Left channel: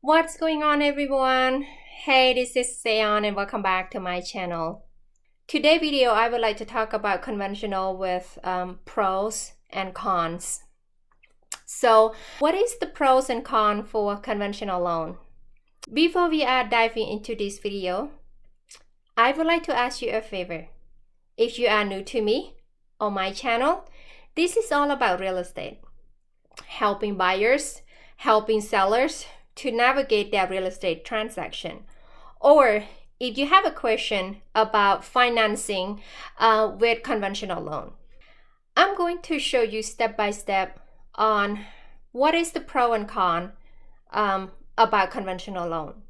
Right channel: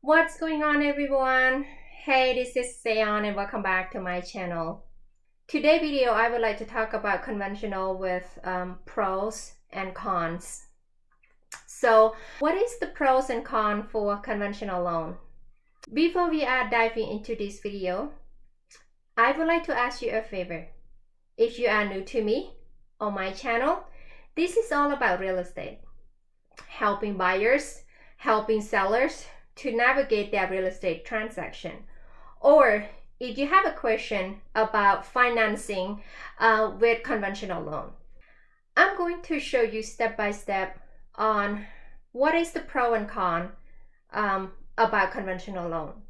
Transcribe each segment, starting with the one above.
What's going on, everyone? Hey, this is Seon and welcome back to my channel. Today video I would like to talk about conventional with pros and cons. So what is the pros and cons for conventional loan? Before we are diving into this video, I would like to ask you a favor. If you are new to me or my channel, this is all about real estate, helping buyers, helping sellers to navigate their real estate transaction. Or if you have a question about financing with conventional loan, I'm going to show you step by step on what is the pro and con about conventional loan.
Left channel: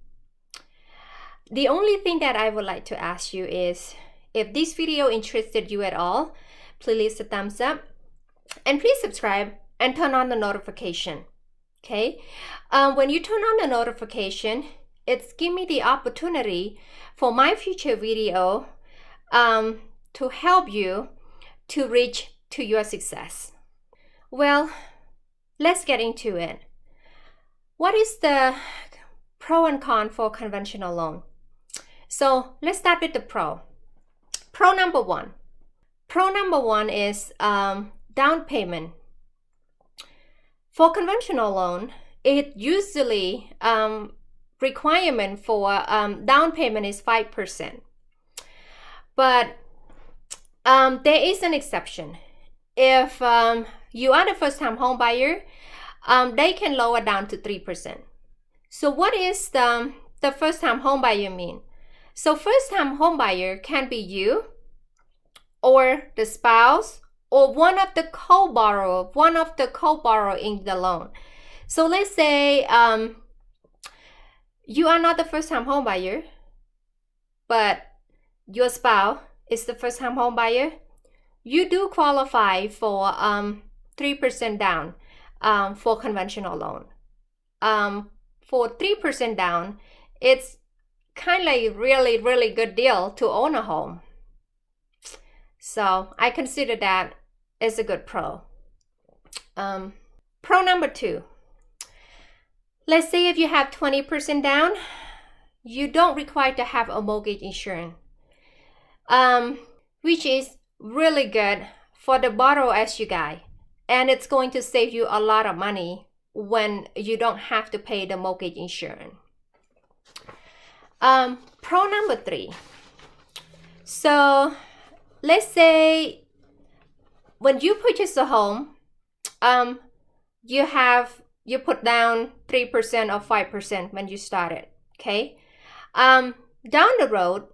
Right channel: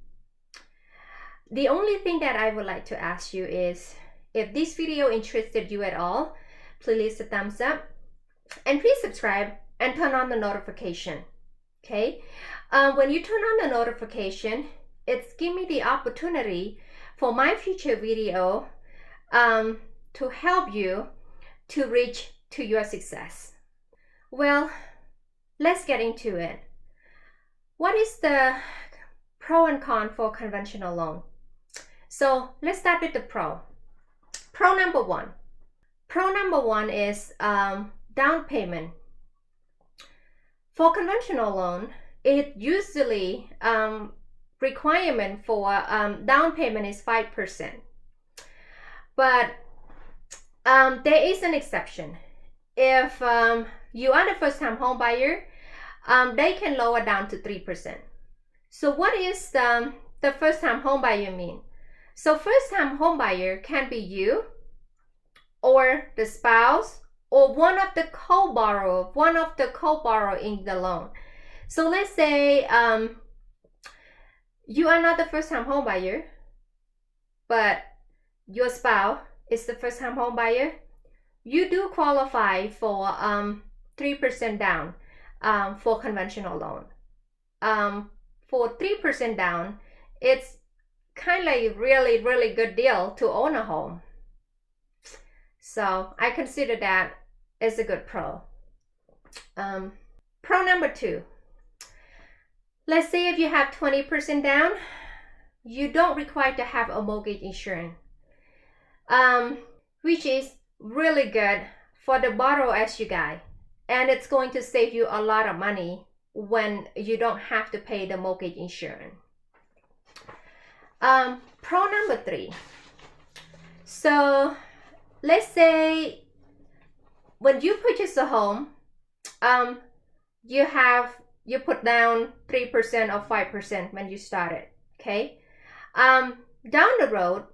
The only thing that I would like to ask you is, if this video interested you at all, please leave a thumbs up and please subscribe and turn on the notification. Okay, when you turn on the notification, it's give me the opportunity for my future video to help you to reach to your success. Well, let's get into it. What is the pro and con for conventional loan? So let's start with the pro. Pro number one. Pro number one is down payment. For conventional loan, it usually requirement for down payment is 5%. But there is an exception. If you are the first-time home buyer, they can lower down to 3%. So what is the first-time home buyer mean? So first-time home buyer can be you or the spouse or one of the co-borrower in the loan. So let's say you are not the first-time home buyer, but your spouse is the first-time home buyer. You do qualify for 3% down for conventional loan. For 3% down, it's kind of like really good deal to own a home. So I consider that as a good pro. Pro number two. Let's say if you have 20% down, you don't require to have a mortgage insurance, which is really good for the borrower as you guy. And it's going to save you a lot of money when you don't have to pay the mortgage insurance. Pro number three. So let's say when you purchase a home, you put down 3% or 5% when you started, okay? Down the road,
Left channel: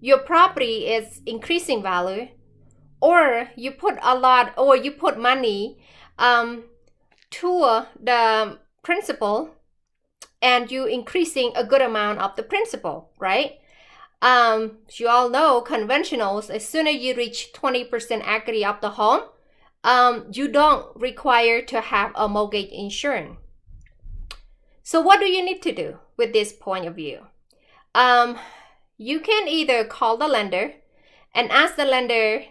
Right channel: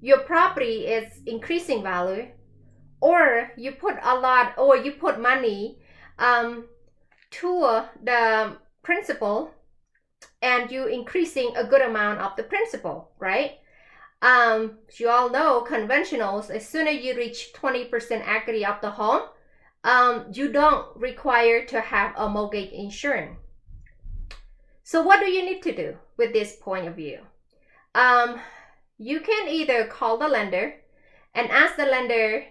your property is increasing value, or you put money to the principal, and you increasing a good amount of the principal, right? You all know conventionals, as soon as you reach 20% equity of the home, you don't require to have a mortgage insurance. So what do you need to do with this point of view? You can either call the lender and ask the lender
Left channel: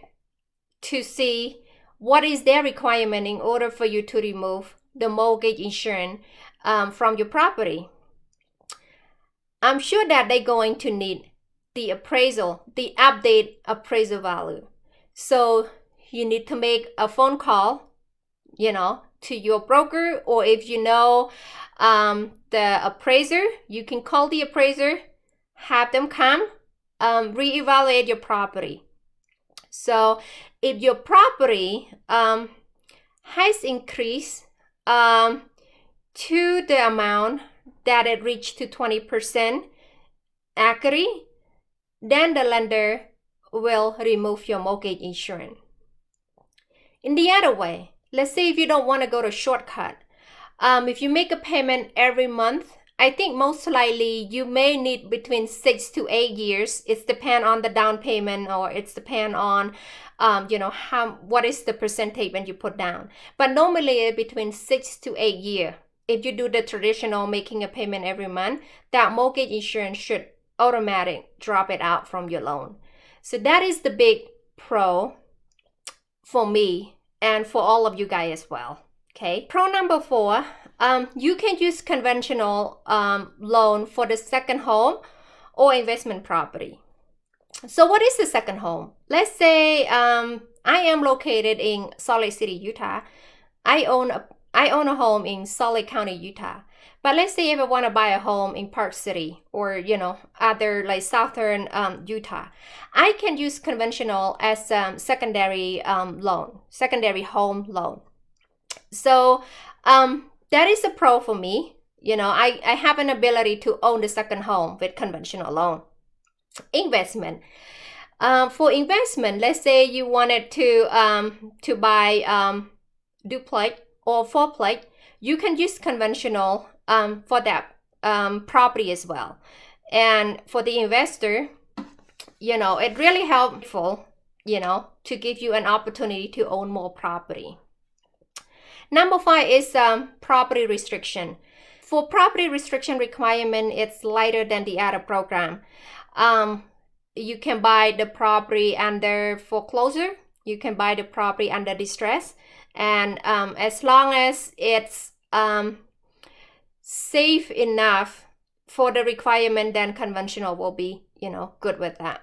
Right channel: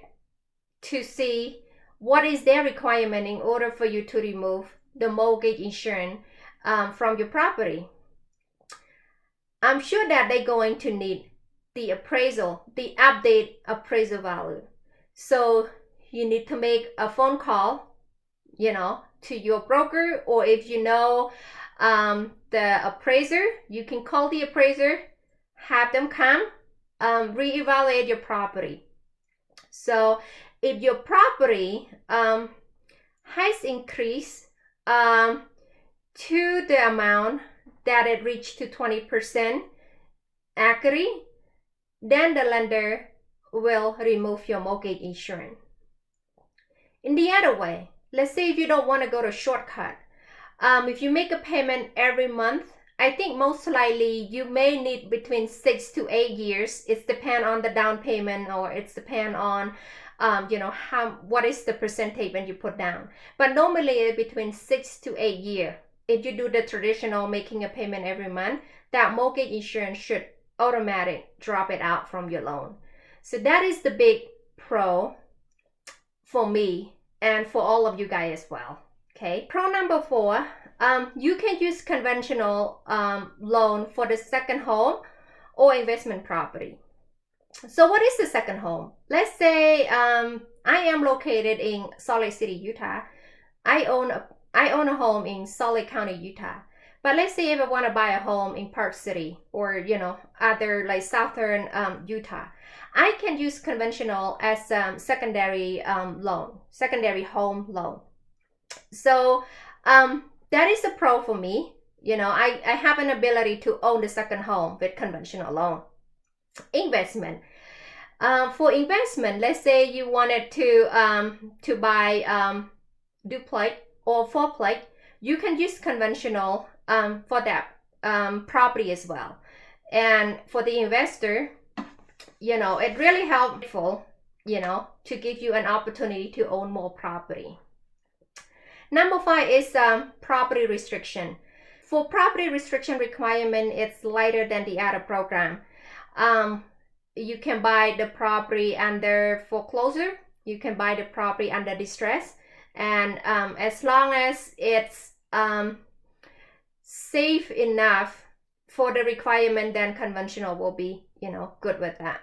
to see what is their requirement in order for you to remove the mortgage insurance from your property. I'm sure that they're going to need the appraisal, the update appraisal value. So you need to make a phone call, to your broker, or if you know the appraiser, you can call the appraiser, have them come reevaluate your property. So if your property has increased to the amount that it reached to 20% equity, then the lender will remove your mortgage insurance. In the other way, let's say if you don't want to go to shortcut, if you make a payment every month, I think most likely you may need between 6 to 8 years. It's depend on the down payment, or it's depend on what is the percentage when you put down. But normally between 6 to 8 years, if you do the traditional making a payment every month, that mortgage insurance should automatically drop it out from your loan. So that is the big pro for me and for all of you guys as well. Okay. Pro number four, you can use conventional loan for the second home or investment property. So what is the second home? Let's say I am located in Salt Lake City, Utah. I own a home in Salt Lake County, Utah. But let's say if I want to buy a home in Park City or other like southern Utah, I can use conventional as secondary loan, secondary home loan. So that is a pro for me. I have an ability to own the second home with conventional loan. Investment. For investment, let's say you wanted to buy duplex or fourplex, you can use conventional for that property as well. And for the investor, it really helpful, to give you an opportunity to own more property. Number 5 is property restriction. For property restriction requirement, it's lighter than the other program. You can buy the property under foreclosure. You can buy the property under distress. And as long as it's safe enough for the requirement, then conventional will be, good with that.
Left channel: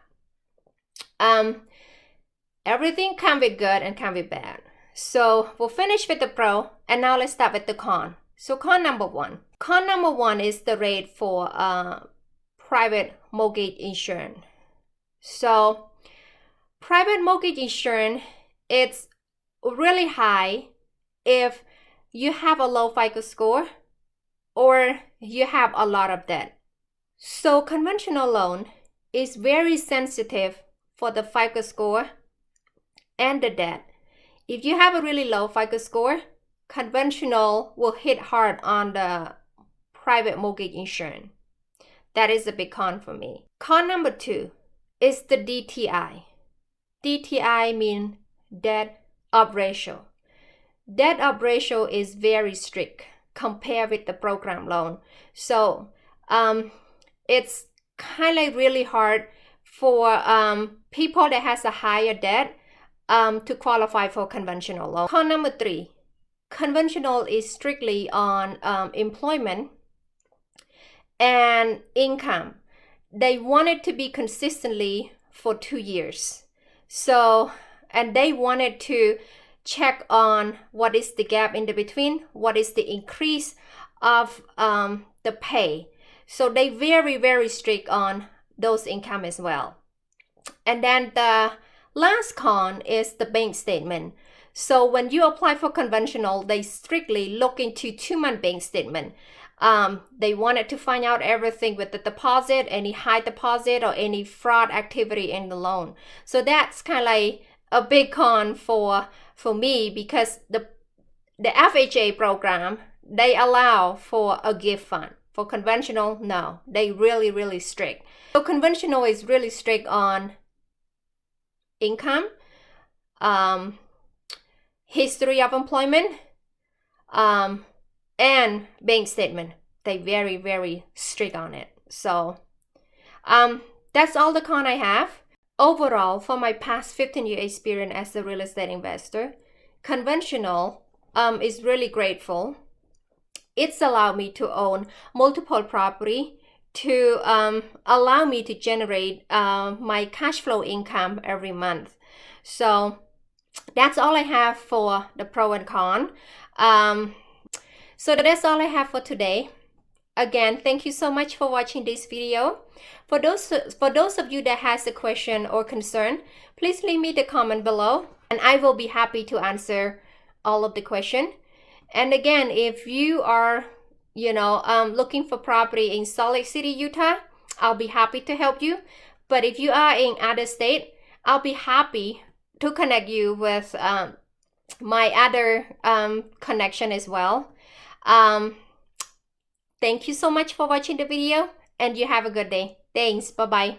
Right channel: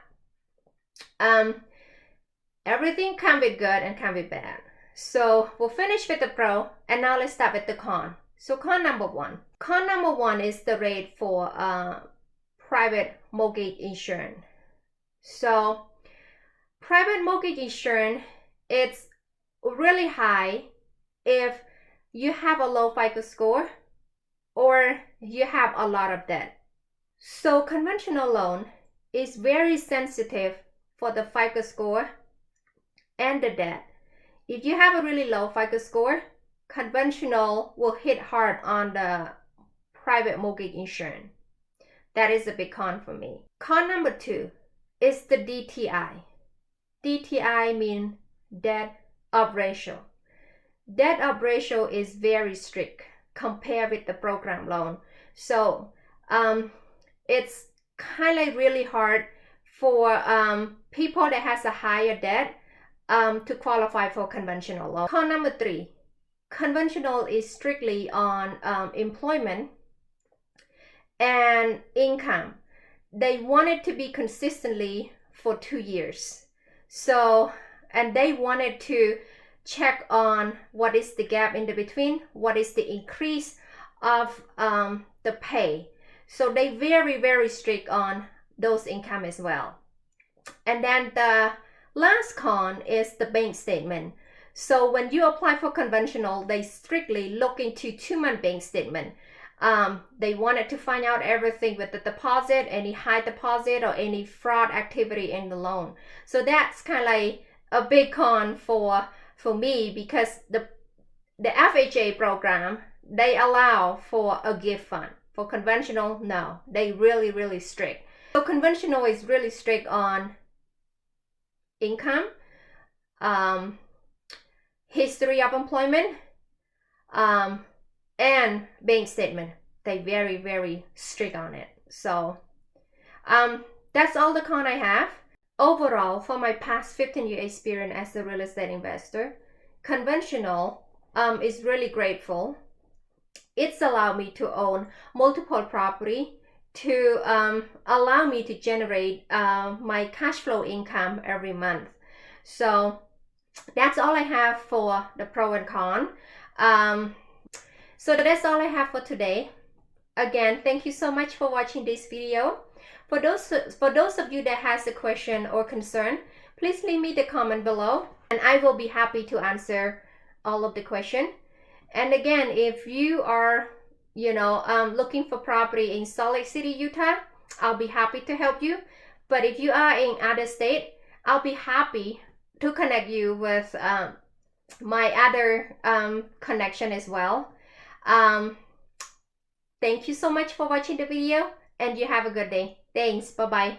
Everything can be good and can be bad. So we'll finish with the pro, and now let's start with the con. So con number 1. Con number 1 is the rate for private mortgage insurance. So private mortgage insurance, it's really high if you have a low FICO score or you have a lot of debt. So conventional loan is very sensitive for the FICO score and the debt. If you have a really low FICO score, conventional will hit hard on the private mortgage insurance. That is a big con for me. Con number 2 is the DTI. DTI means debt up ratio. Debt up ratio is very strict compared with the program loan. So it's kind of really hard for people that has a higher debt to qualify for conventional loan. Con number 3, conventional is strictly on employment and income. They want it to be consistently for 2 years. So, and they wanted to check on what is the gap in the between, what is the increase of the pay. So they very, very strict on those income as well. And then the last con is the bank statement. So when you apply for conventional, they strictly look into 2-month bank statement. They wanted to find out everything with the deposit, any high deposit or any fraud activity in the loan. So that's kind of like a big con for me, because the FHA program, they allow for a gift fund. For conventional, no, they really, really strict. So conventional is really strict on income, history of employment, and bank statement. They very, very strict on it. So that's all the con I have. Overall, for my past 15-year experience as a real estate investor, conventional is really grateful. It's allowed me to own multiple property, to allow me to generate my cash flow income every month. So that's all I have for the pro and con. So that's all I have for today. Again, thank you so much for watching this video. For those of you that has a question or concern, please leave me the comment below, and I will be happy to answer all of the question. And again, if you are looking for property in Salt Lake City, Utah, I'll be happy to help you. But if you are in other state, I'll be happy to connect you with my other connection as well. Thank you so much for watching the video, and you have a good day. Thanks. Bye-bye.